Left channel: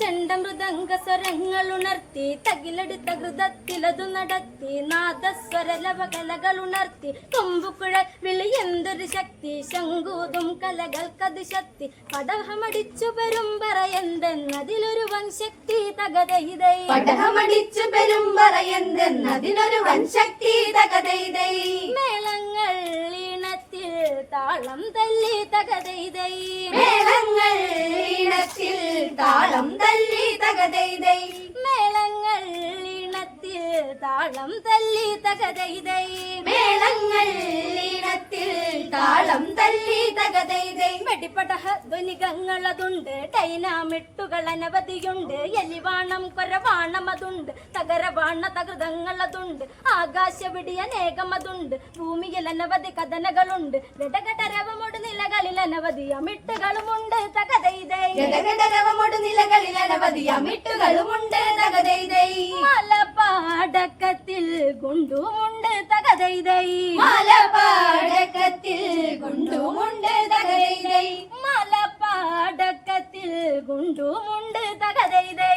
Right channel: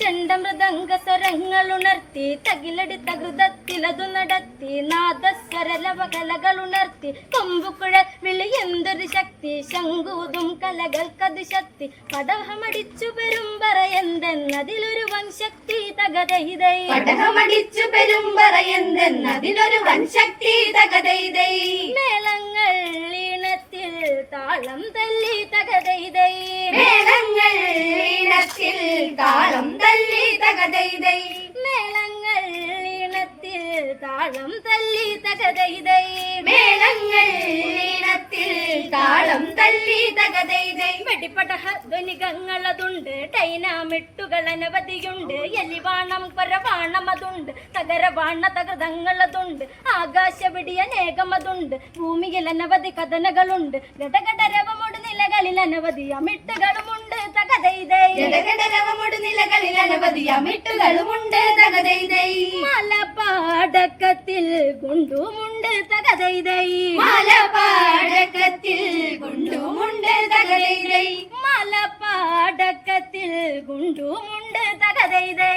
ചെണ്ടമൃദംഗ സ്വരങ്ങൾ ഉണർത്തി തകിലടിത്ത ഹൃദത്തിലതു നടത്തി നാദസ്വരലവ കലകൾ ഉണർത്തി കൊമ്പുക്കുഴ വിളി എന്തൊരു ശക്തി ശങ്കൂതും കലകൾക്കത് ശക്തി പടഹമടിച്ചു പെരുമ്പറ എന്തെന്നതിലൊരു വൻ ശക്തി തകതൈതൈ പടഹമടിച്ചു പെരുമ്പറയെന്തെന്നതിനൊരു വൻശക്തി തകതൈതൈ മേളങ്ങൾ ഈണത്തിൽ താളം തല്ലി തകതൈതൈ താളം തല്ലി തകതൈതൈ മേളങ്ങൾ ഈണത്തിൽ താളം തല്ലി തകതൈതൈ മേളങ്ങൾ ഈണത്തിൽ താളം തല്ലി തകതൈതൈ വെടിപ്പടഹ ധ്വനികങ്ങളതുണ്ട് ഡൈനാമിട്ടുകൾ അനവധിയുണ്ട്. എലിവാണം കൊരവാണം അതുണ്ട്. തകരവാണ തകൃതങ്ങളതുണ്ട് ആകാശവിടി അനേകമതുണ്ട് ഭൂമിയിൽ അനവധി കഥനകളുണ്ട്. ഗടഗടരവമോട് നിലകളിൽ അനവധി അമിട്ടുകളുമുണ്ട്. തകതൈതൈ ജലഘടരവമൊടു ജില്ലകളിൽ അനവധി അമിട്ടുകളുമുണ്ട് തകതൈതൈ മലപാടക്കത്തിൽ കൊണ്ടുമുണ്ട് തകതൈതൈ മലപാടക്കത്തിൽ കൊണ്ടുമുണ്ട് തകതൈതൈ മലപാടക്കത്തിൽ കൊണ്ടുമുണ്ട് തകതൈതൈ